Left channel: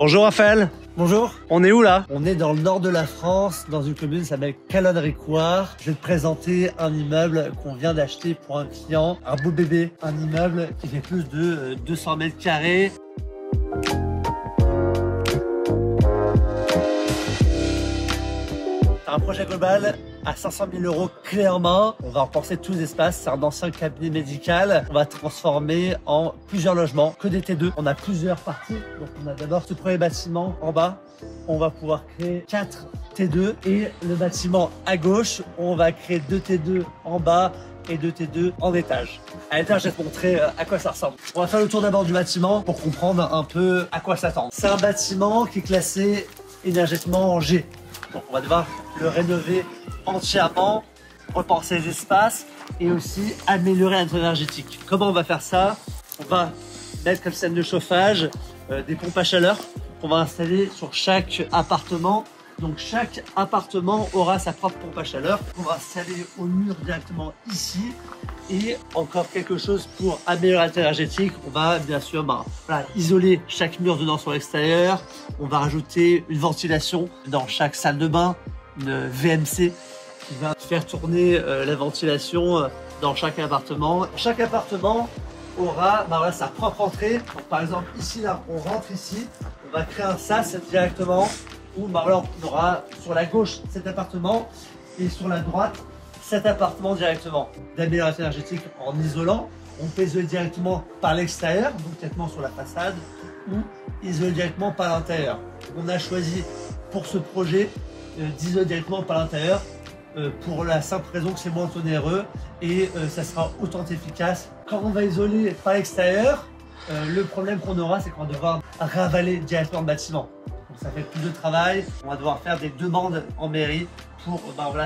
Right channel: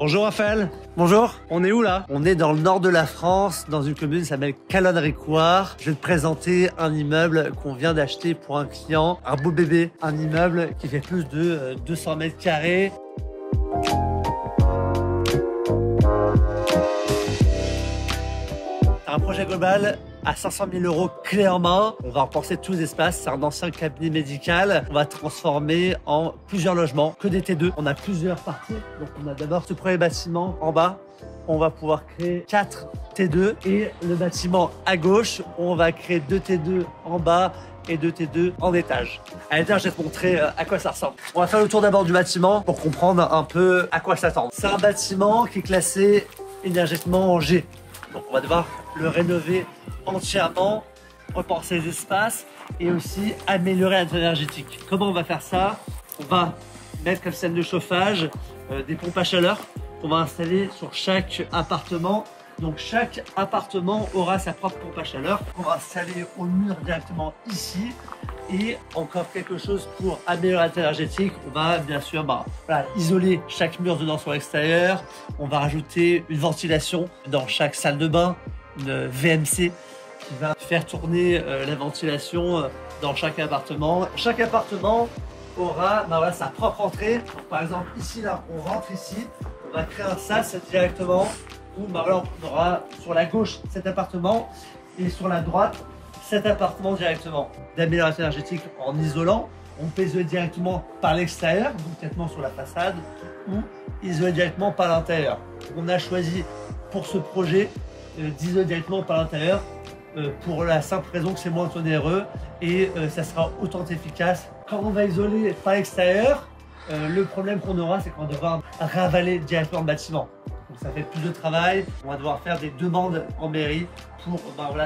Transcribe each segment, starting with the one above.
Bonjour Raphaël. Bonjour. On est où là? On est dans le nord de la France, dans une commune qui s'appelle Calonne-Récoire. Je vais te présenter un immeuble qu'on vient d'acheter pour un client, un beau bébé. Un immeuble qui fait plus de 200 mètres carrés. Un projet global à 500 000 € clé en main. On va repenser tous les espaces. C'est un ancien cabinet médical. On va transformer en plusieurs logements, que des T2. On a plusieurs parties. Donc on a d'abord ce premier bâtiment en bas. On va pouvoir créer 4 T2 et le bâtiment à gauche, on va créer 2 T2 en bas et 2 T2 en étage. À l'étage, je vais te montrer à quoi ça ressemble. On va faire le tour d'abord du bâtiment pour comprendre un peu à quoi s'attendre. C'est un bâtiment qui est classé énergétiquement en G. Donc on va devoir le rénover entièrement, repenser les espaces et aussi améliorer l'intelligence énergétique. Comment on va faire ça? On va mettre comme système de chauffage des pompes à chaleur qu'on va installer sur chaque appartement. Donc chaque appartement aura sa propre pompe à chaleur qu'on va installer au mur directement ici. Et encore quelque chose pour améliorer l'intelligence énergétique, on va bien sûr isoler chaque mur dedans sur l'extérieur. On va rajouter une ventilation dans chaque salle de bain, une VMC qui va faire tourner la ventilation dans chaque appartement. Chaque appartement aura sa propre entrée. Donc, par exemple ici là, on rentre ici, on va créer un sas directement où on aura sur la gauche cet appartement et sur la droite cet appartement directement. D'amélioration énergétique en isolant, on peut isoler directement par l'extérieur, donc directement sur la façade, ou isoler directement par l'intérieur. On a choisi pour ce projet d'isoler directement par l'intérieur pour la simple raison que c'est moins onéreux et ça sera autant efficace. Quand on va isoler par l'extérieur, le problème qu'on aura, c'est qu'on va devoir ravaler directement le bâtiment. Donc ça fait plus de travail, on va devoir faire des demandes en mairie pour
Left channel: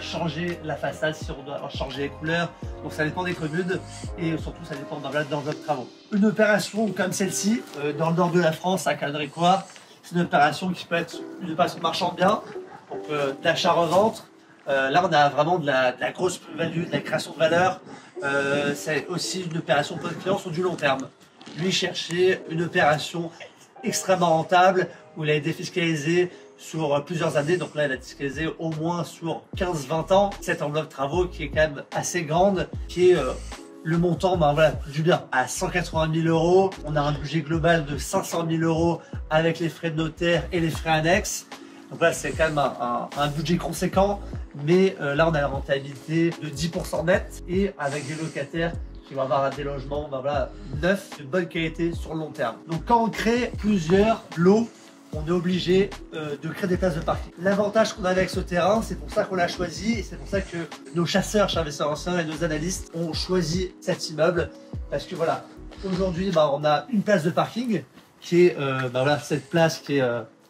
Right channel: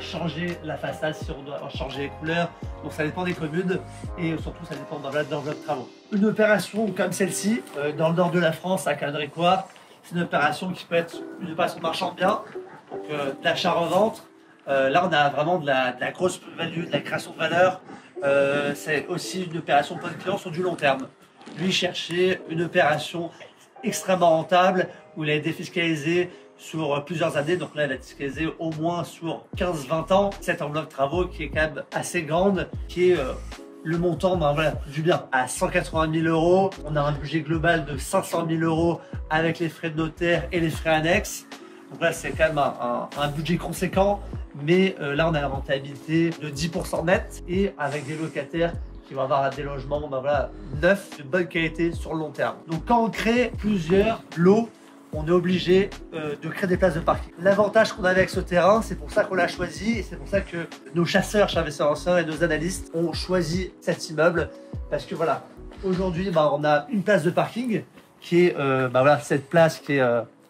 changer la façade, si on doit changer les couleurs. Donc ça dépend des communes et surtout ça dépend dans notre travaux. Une opération comme celle-ci, dans le nord de la France, à Calonne-Récoire, c'est une opération qui peut être une opération marchand bien, donc d'achat-revente. Là on a vraiment de la grosse plus-value, de la création de valeur. C'est aussi une opération pour les clients sur du long terme. Lui cherchait une opération extrêmement rentable où il a été défiscalisé sur plusieurs années. Donc là, il a défiscalisé au moins sur 15-20 ans. Cette enveloppe de travaux qui est quand même assez grande, qui est le montant du bien à 180 000 €. On a un budget global de 500 000 € avec les frais de notaire et les frais annexes. Donc là, c'est quand même un budget conséquent. Mais là, on a la rentabilité de 10% net et avec des locataires qui vont avoir des logements neufs, de bonne qualité sur le long terme. Donc quand on crée plusieurs lots, on est obligé de créer des places de parking. L'avantage qu'on a avec ce terrain, c'est pour ça qu'on l'a choisi et c'est pour ça que nos chasseurs chez Investisseurs Anciens et nos analystes ont choisi cet immeuble parce que aujourd'hui on a une place de parking qui est cette place qui est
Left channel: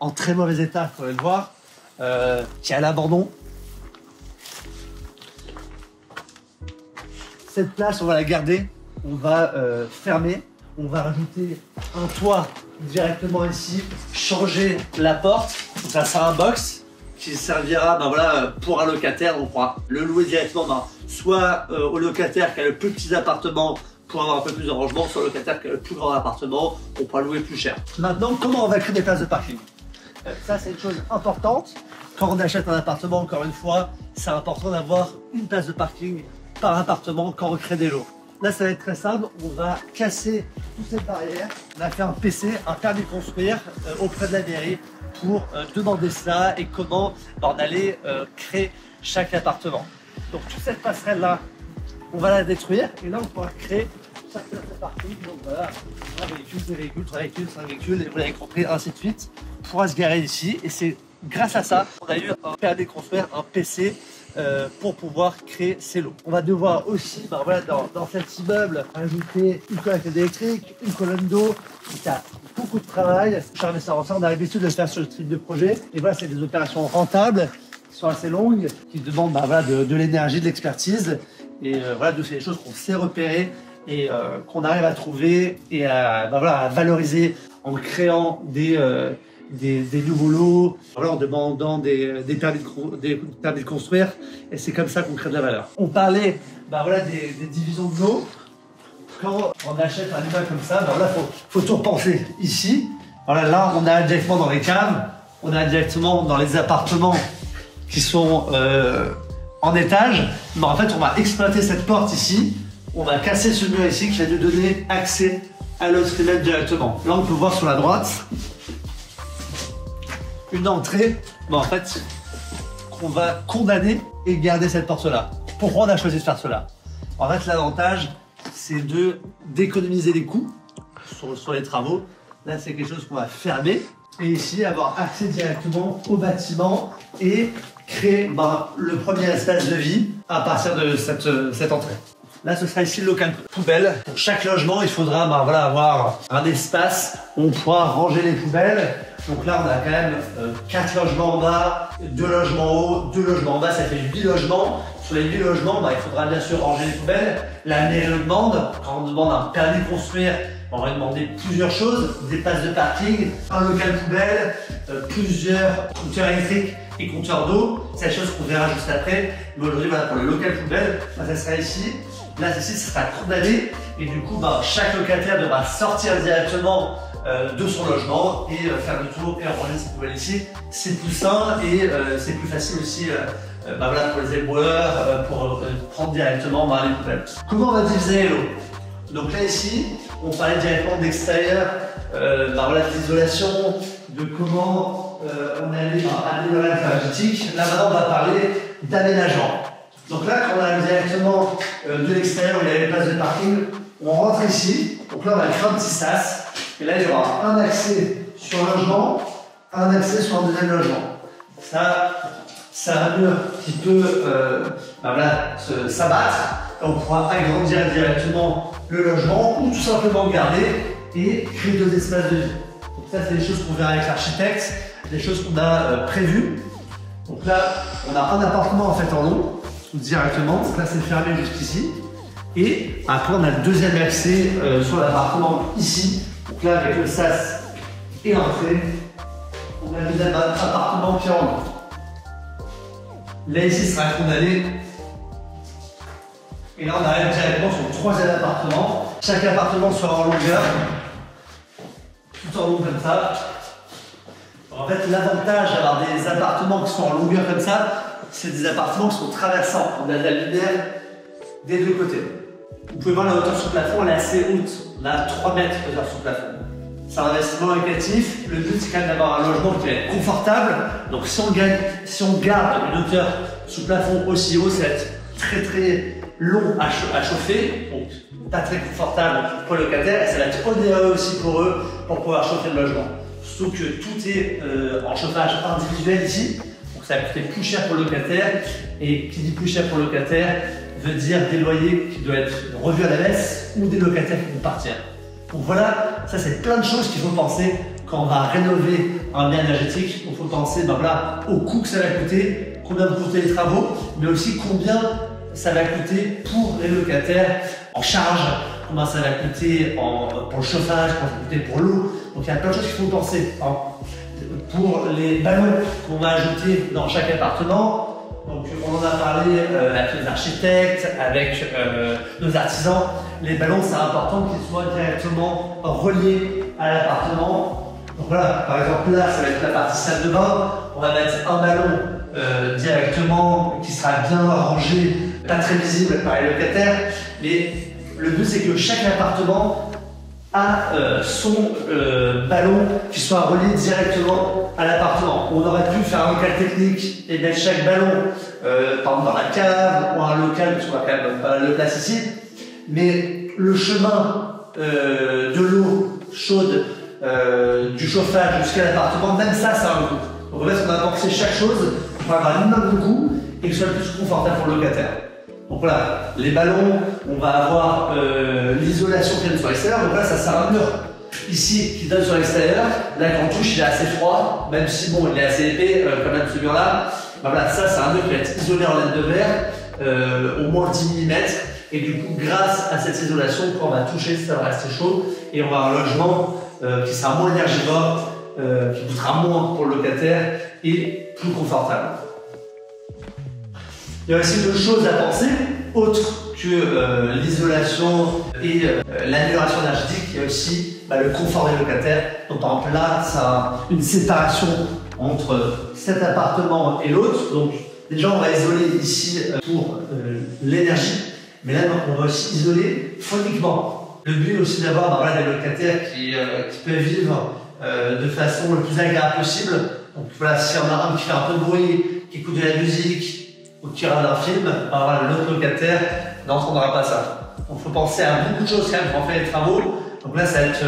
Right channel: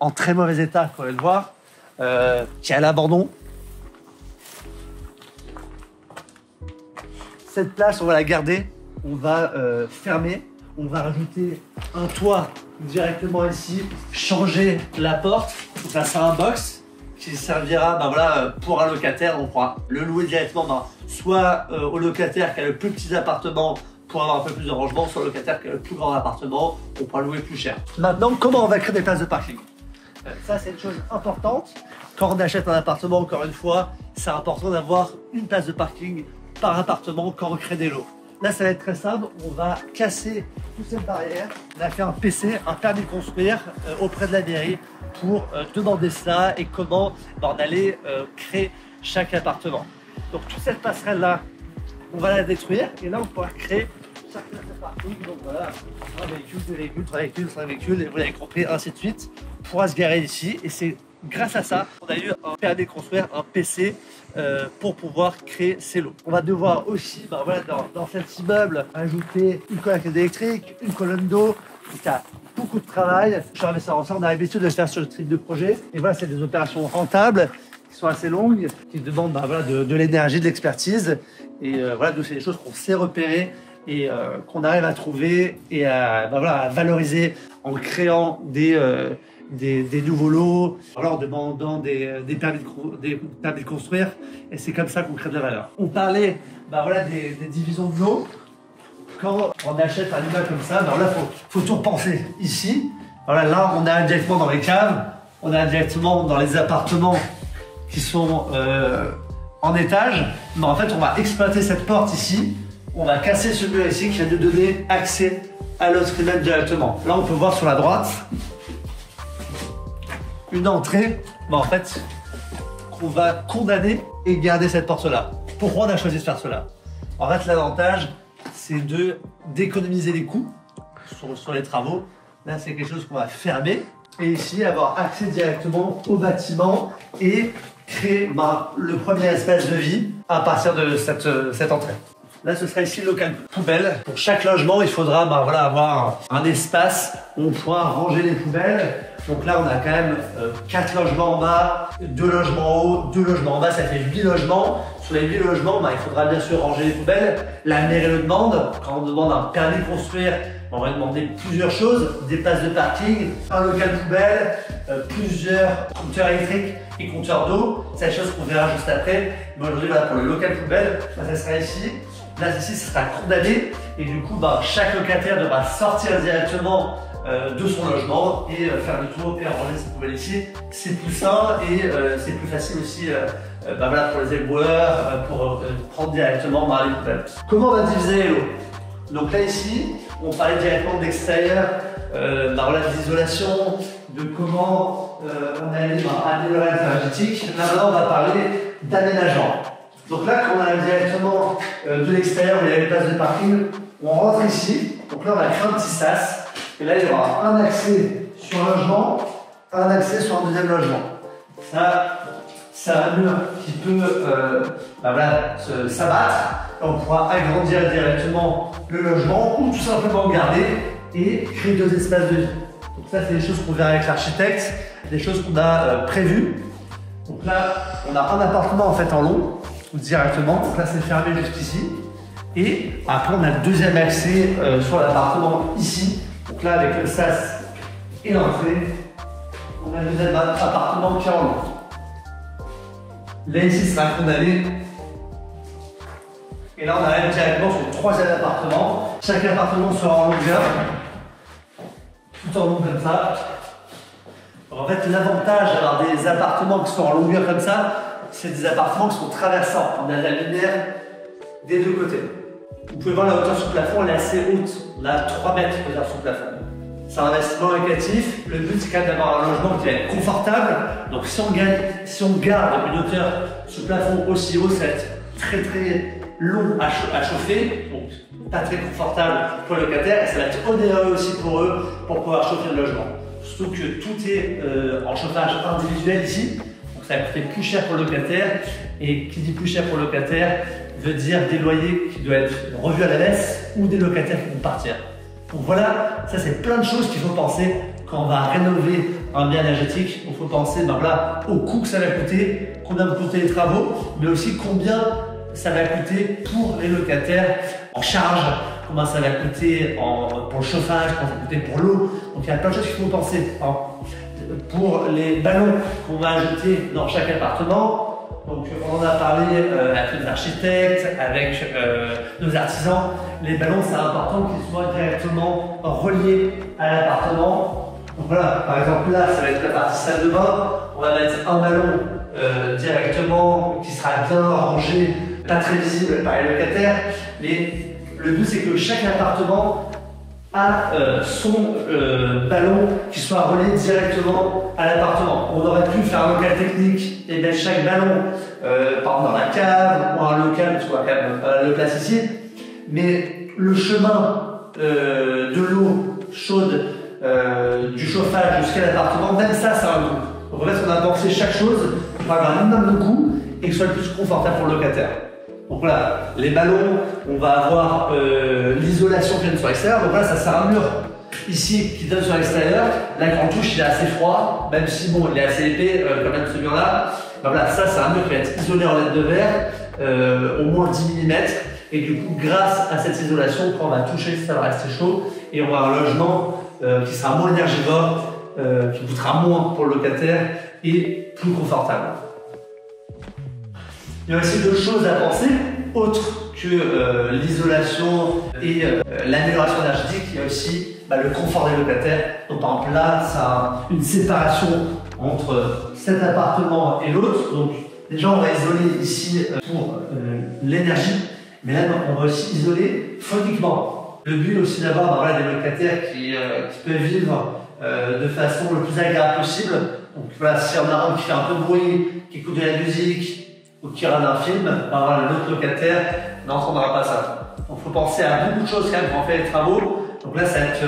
en très mauvais état, comme vous pouvez le voir, qui est à l'abandon. Cette place, on va la garder, on va fermer, on va rajouter un toit directement ici, changer la porte, donc ça sera un box qui servira pour un locataire. On pourra le louer directement soit au locataire qui a le plus petit appartement pour avoir un peu plus de rangement, soit au locataire qui a le plus grand appartement, on pourra louer plus cher. Maintenant, comment on va créer des places de parking? Ça, c'est une chose importante. Quand on achète un appartement, encore une fois, c'est important d'avoir une place de parking par appartement quand on crée des lots. Là, ça va être très simple. On va casser toute cette barrière. On a fait un PC, un permis de construire auprès de la mairie pour demander ça et comment on allait créer chaque appartement. Donc, toute cette passerelle-là, on va la détruire et là, on pourra créer chaque place de parking. Donc voilà, un véhicule, deux véhicules, trois véhicules, cinq véhicules, et vous l'avez compris, ainsi de suite. On pourra se garer ici et c'est grâce à ça qu'on a eu un permis de construire, un PC pour pouvoir créer ces lots. On va devoir aussi, dans cet immeuble, ajouter une colonne électrique, une colonne d'eau. Il y a beaucoup de travail. Chez Investisseurs Anciens, on a l'habitude de le faire sur le type de projet. Et voilà, c'est des opérations rentables qui sont assez longues, qui demandent de l'énergie, de l'expertise. Et donc c'est des choses qu'on sait repérer et qu'on arrive à trouver et à valoriser en créant des nouveaux lots, en demandant des permis de construire, et c'est comme ça qu'on crée de la valeur. On parlait des divisions de lots. Quand on achète un immeuble comme ça, là faut tout repenser ici. Voilà, là, on a directement dans les caves, on a directement dans les appartements qui sont en étage. Mais en fait, on va exploiter cette porte ici. On va casser ce mur ici qui va nous donner accès à l'autre immeuble directement. Là, on peut voir sur la droite une entrée, mais en fait, qu'on va condamner et garder cette porte-là. Pourquoi on a choisi de faire cela? En fait, l'avantage, c'est d'économiser les coûts sur les travaux. Là, c'est quelque chose qu'on va fermer. Et ici, avoir accès directement au bâtiment et créer le premier espace de vie à partir de cette entrée. Là, ce sera ici le local poubelle. Pour chaque logement, il faudra voilà, avoir un espace où on pourra ranger les poubelles. Donc là, on a quand même 4 logements en bas, 2 logements en haut, 2 logements en bas, ça fait 8 logements. Sur les 8 logements, il faudra bien sûr ranger les poubelles. La mairie le demande. Quand on demande un permis de construire, on va demander plusieurs choses, des places de parking, un local poubelle, plusieurs compteurs électriques et compteurs d'eau. C'est la chose qu'on verra juste après. Mais aujourd'hui, pour le local poubelle, ça sera ici. Là, ici, ça sera condamné. Et du coup, chaque locataire devra sortir directement de son logement et faire le tour et ranger ses poubelles ici. C'est plus sain et c'est plus facile aussi voilà, pour les éboueurs, pour prendre directement les poubelles. Comment on va diviser les lots? Donc là ici, on parlait directement d'extérieur, voilà, d'isolation, de comment on allait améliorer l'énergétique. Là maintenant on va parler d'aménagement. Donc là quand on arrive directement de l'extérieur, il y a une place de parking, on rentre ici. Donc là on a un petit sas. Et là il y aura un accès sur un logement, un accès sur un deuxième logement. Ça, c'est un mur qui peut voilà, s'abattre. On pourra agrandir directement le logement ou tout simplement garder et créer 2 espaces de vie. Donc ça, c'est des choses qu'on verra avec l'architecte, des choses qu'on a prévues. Donc là, on a un appartement en fait en long, directement. Donc là, c'est fermé jusqu'ici. Et après, on a le deuxième accès sur l'appartement ici. Donc là, avec le sas et l'entrée, on a le deuxième appartement qui est en long. Là, ici, c'est un condamné. Et là, on arrive directement sur le 3e appartement. Chaque appartement sera en longueur, tout en long comme ça. Alors, en fait, l'avantage d'avoir des appartements qui sont en longueur comme ça, c'est des appartements qui sont traversants. On a de la lumière des deux côtés. Vous pouvez voir la hauteur sous plafond, elle est assez haute. On a 3 mètres de hauteur sous plafond. C'est un investissement locatif. Le but, c'est quand même d'avoir un logement qui va être confortable. Donc, si on garde une hauteur sous plafond aussi haut, ça va être très long à chauffer, donc pas très confortable pour le locataire, et ça va être onéreux aussi pour eux pour pouvoir chauffer le logement. Surtout que tout est en chauffage individuel ici, donc ça va coûter plus cher pour le locataire, et qui dit plus cher pour le locataire veut dire des loyers qui doivent être revus à la baisse ou des locataires qui vont partir. Donc voilà, ça c'est plein de choses qu'il faut penser quand on va rénover un bien énergétique. Il faut penser voilà, au coût que ça va coûter, combien vont coûter les travaux, mais aussi combien ça va coûter pour les locataires en charge, combien ça va coûter pour le chauffage, combien ça va coûter pour l'eau. Donc il y a plein de choses qu'il faut penser. Pour les ballons qu'on va ajouter dans chaque appartement, donc on en a parlé avec les architectes, avec nos artisans. Les ballons, c'est important qu'ils soient directement reliés à l'appartement. Donc voilà, par exemple là, ça va être la partie salle de bain. On va mettre un ballon directement qui sera bien rangé, pas très visible par les locataires. Mais le but, c'est que chaque appartement a son ballon qui soit relié directement à l'appartement. On aurait pu faire un local technique et mettre chaque ballon par exemple dans la cave ou un local, tu vois, quand même pas le place ici. Mais le chemin de l'eau chaude, du chauffage jusqu'à l'appartement, même ça, ça a un coût. Donc en fait, on a pensé chaque chose pour avoir un minimum de coût et que ce soit le plus confortable pour le locataire. Donc voilà, les ballons, on va avoir l'isolation qui donne sur l'extérieur. Donc là, ça c'est un mur ici qui donne sur l'extérieur. Là, quand on touche, il est assez froid, même si bon, il est assez épais quand même ce mur-là. Ben voilà, ça c'est un mur qui va être isolé en laine de verre, au moins 10 mm. Et du coup, grâce à cette isolation, quand on va toucher, ça va rester chaud. Et on va avoir un logement qui sera moins énergivore, qui coûtera moins pour le locataire et plus confortable. Il y a aussi d'autres choses à penser, autres que l'isolation et l'amélioration énergétique. Il y a aussi le confort des locataires. Donc par exemple là, c'est une séparation entre cet appartement et l'autre. Donc déjà on va isoler ici pour l'énergie, mais là on va aussi isoler phoniquement. Le but aussi d'avoir des locataires qui peuvent vivre de façon le plus agréable possible. Donc voilà, si on a un qui fait un peu de bruit, qui écoute de la musique ou qui regarde un film, l'autre locataire n'entendra pas ça. Donc il faut penser à beaucoup de choses quand même quand on fait les travaux. Donc là, ça va être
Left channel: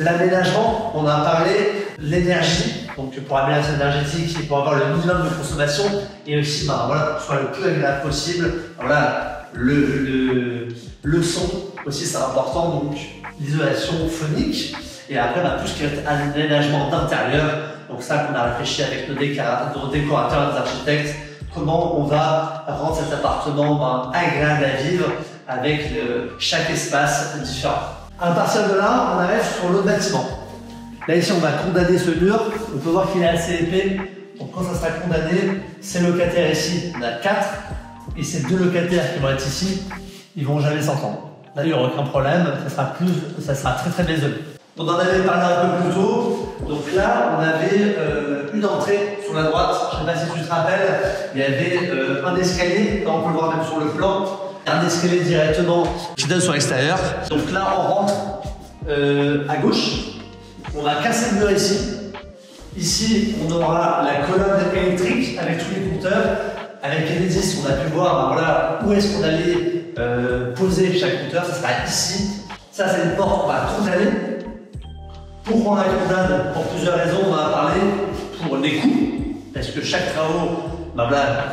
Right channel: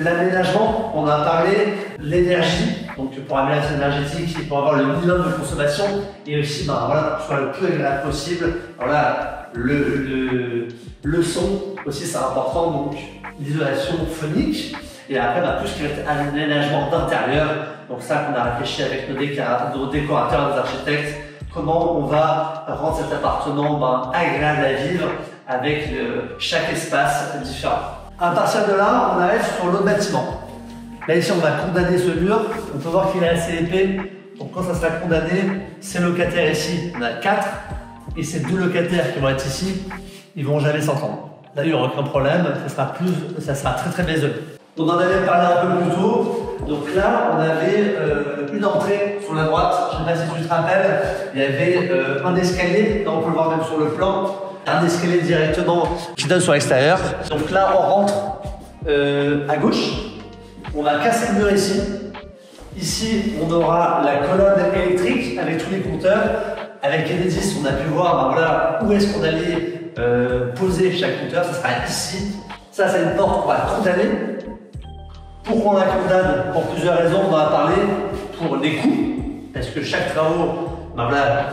l'aménagement, on a parlé, l'énergie, donc pour aménagement énergétique et pour avoir le minimum de consommation, et aussi pour que ce soit le plus agréable possible. Voilà, le son aussi, c'est important, donc l'isolation phonique, et après tout ce qui va être aménagement d'intérieur. Donc ça qu'on a réfléchi avec nos décorateurs, nos architectes, comment on va rendre cet appartement agréable à vivre avec chaque espace différent. À partir de là, on arrive sur l'autre bâtiment. Là ici, on va condamner ce mur. On peut voir qu'il est assez épais. Donc quand ça sera condamné, ces locataires ici, on a 4. Et ces 2 locataires qui vont être ici, ils vont jamais s'entendre. Là, il n'y aura aucun problème. Ça sera très très baiseux. On en avait parlé un peu plus tôt. Donc là, on avait une entrée sur la droite. Je ne sais pas si tu te rappelles. Il y avait un escalier. Là, on peut le voir même sur le plan. Un escalier directement qui donne sur l'extérieur. Donc là, on rentre à gauche. On va casser le mur ici. Ici, on aura la colonne électrique avec tous les compteurs. Avec les indices, on a pu voir où est-ce qu'on allait poser chaque compteur. Ça sera ici. Ça, c'est une porte qu'on va condamner. Pourquoi on la condamne? Pour plusieurs raisons. On va parler pour les coûts. Parce que chaque travaux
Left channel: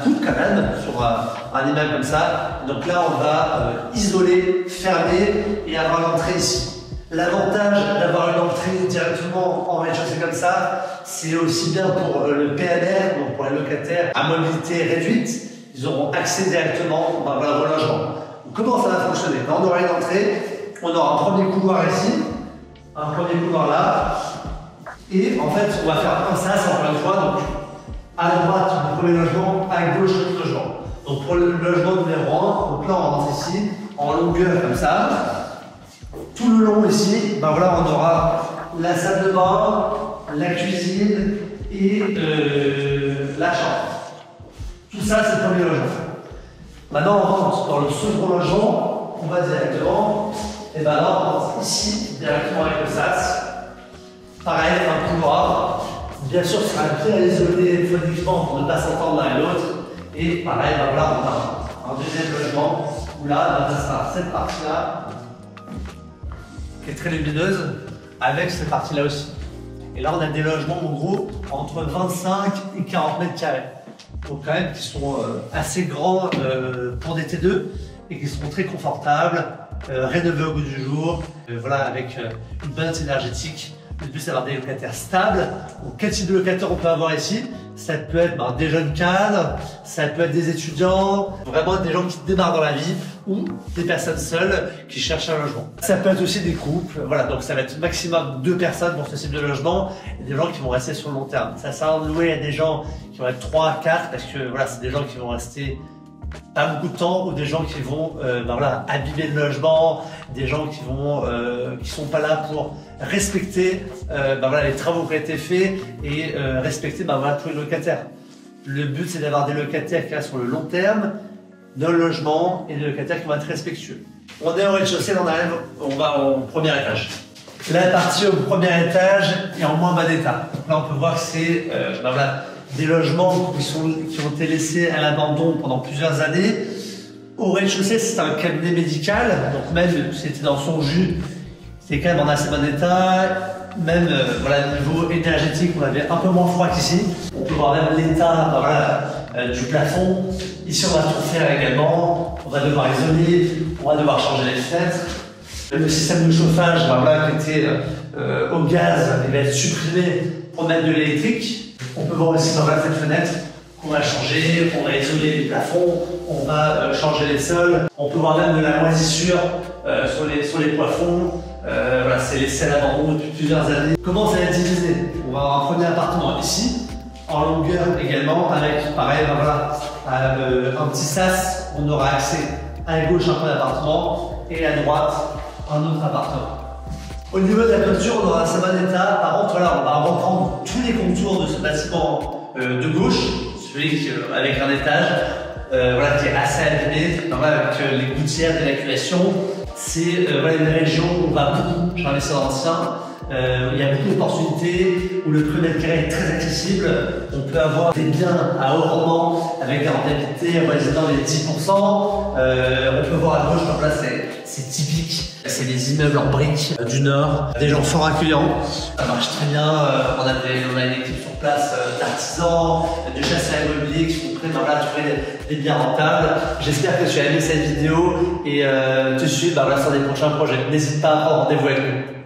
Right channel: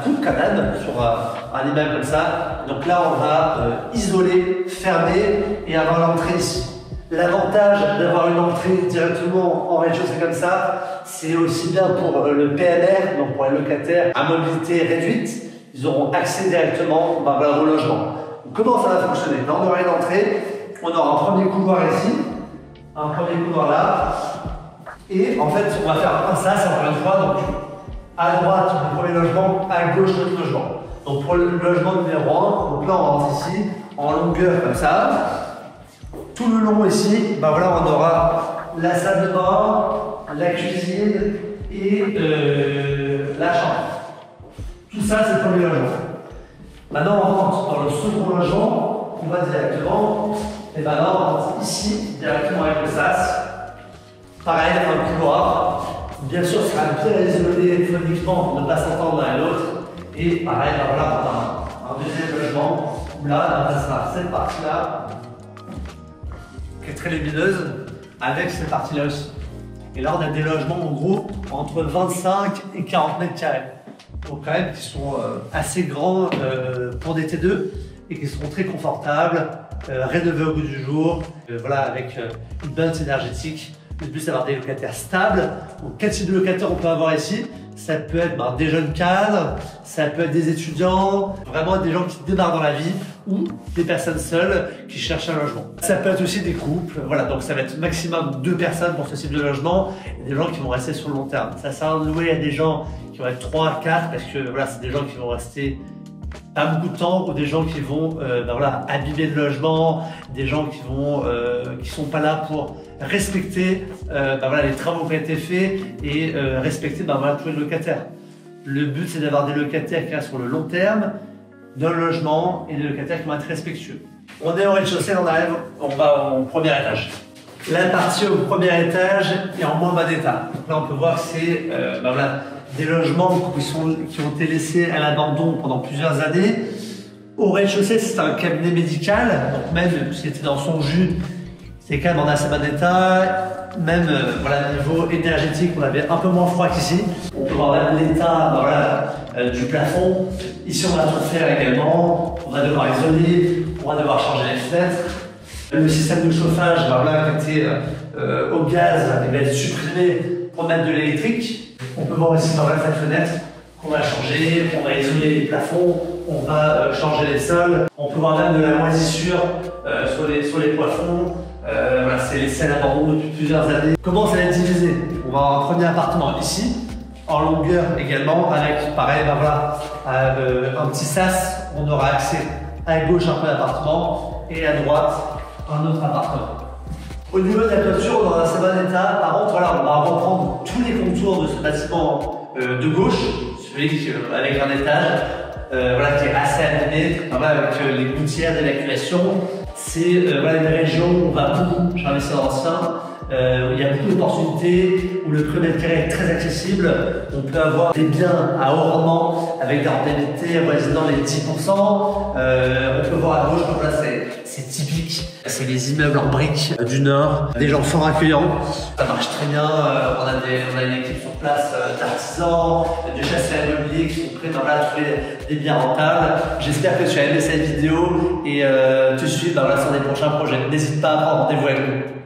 coûte quand même sur un immeuble comme ça. Donc là, on va isoler, fermer et avoir l'entrée ici. L'avantage d'avoir une entrée directement en rez-de-chaussée comme ça, c'est aussi bien pour le PNR, donc pour les locataires à mobilité réduite, ils auront accès directement au logement. Donc comment ça va fonctionner? Là, on aura une entrée, on aura un premier couloir ici, un premier couloir là, et en fait, on va faire un sas encore une fois. Donc, à droite du premier logement, à gauche du logement. Donc pour le logement numéro 1, donc là on rentre ici, en longueur comme ça. Tout le long ici, on aura la salle de bain, la cuisine et la chambre. Tout ça, c'est le premier logement. Maintenant, on rentre dans le second logement, on va directement, et là on rentre ici, directement avec le sas. Pareil, un couloir. Bien sûr, ce sera bien isolé phoniquement pour ne pas s'entendre l'un et l'autre. Et pareil, on a un deuxième logement où là, ça sera cette partie-là qui est très lumineuse avec cette partie-là aussi. Et là, on a des logements en gros entre 25 et 40 mètres carrés. Donc quand même qui sont assez grands pour des T2 et qui seront très confortables, rénovés au goût du jour, avec une balance énergétique. Le but, c'est d'avoir des locataires stables. Donc, quel type de locataire on peut avoir ici? Ça peut être des jeunes cadres, ça peut être des étudiants, vraiment des gens qui démarrent dans la vie ou des personnes seules qui cherchent un logement. Ça peut être aussi des couples. Voilà, donc ça va être maximum 2 personnes pour ce type de logement et des gens qui vont rester sur le long terme. Ça sert à louer à des gens qui vont être 3, 4 parce que c'est des gens qui vont rester pas beaucoup de temps ou des gens qui vont abîmer le logement, des gens qui sont pas là pour respecter les travaux qui ont été faits et respecter tous les locataires. Le but, c'est d'avoir des locataires qui restent sur le long terme dans le logement et des locataires qui vont être respectueux. On est au rez-de-chaussée, on va au premier étage. La partie au premier étage est en moins bas d'état. Donc là, on peut voir que c'est des logements qui ont été laissés à l'abandon pendant plusieurs années. Au rez-de-chaussée, c'est un cabinet médical, donc même si c'était dans son jus, c'est quand même en assez bon état. Même niveau énergétique, on avait un peu moins froid qu'ici. On peut voir même l'état du plafond. Ici, on va tout faire également. On va devoir isoler, on va devoir changer les fenêtres. Le système de chauffage qui était au gaz, il va être supprimé pour mettre de l'électrique. On peut voir aussi cette fenêtre qu'on va changer, on va isoler les plafonds, on va changer les sols. On peut voir même de la moisissure sur les plafonds. C'est laissé à l'abandon depuis plusieurs années. Comment ça va être divisé? On va avoir un premier appartement ici, en longueur également, avec pareil, un petit sas. On aura accès à gauche un peu d'appartement et à droite un autre appartement. Au niveau de la toiture, on aura un assez bon état. Par contre, voilà, on va reprendre tous les contours de ce bâtiment de gauche, celui avec un étage, voilà, qui est assez abîmé, voilà, avec les gouttières d'évacuation. C'est voilà, une région où on va beaucoup charler sur l'ancien. Il y a beaucoup d'opportunités où le prix mètre carré est très accessible. On peut avoir des biens à haut rendement avec des rentabilités dans les 10%. On peut voir à gauche, donc là c'est typique. C'est les immeubles en briques du Nord, des gens fort accueillants. Ça marche très bien. On a une équipe sur place d'artisans, de chasseurs immobiliers qui sont prêts à trouver des biens rentables. J'espère que tu as aimé cette vidéo et te suivre sur des prochains projets. N'hésite pas à prendre rendez-vous avec nous.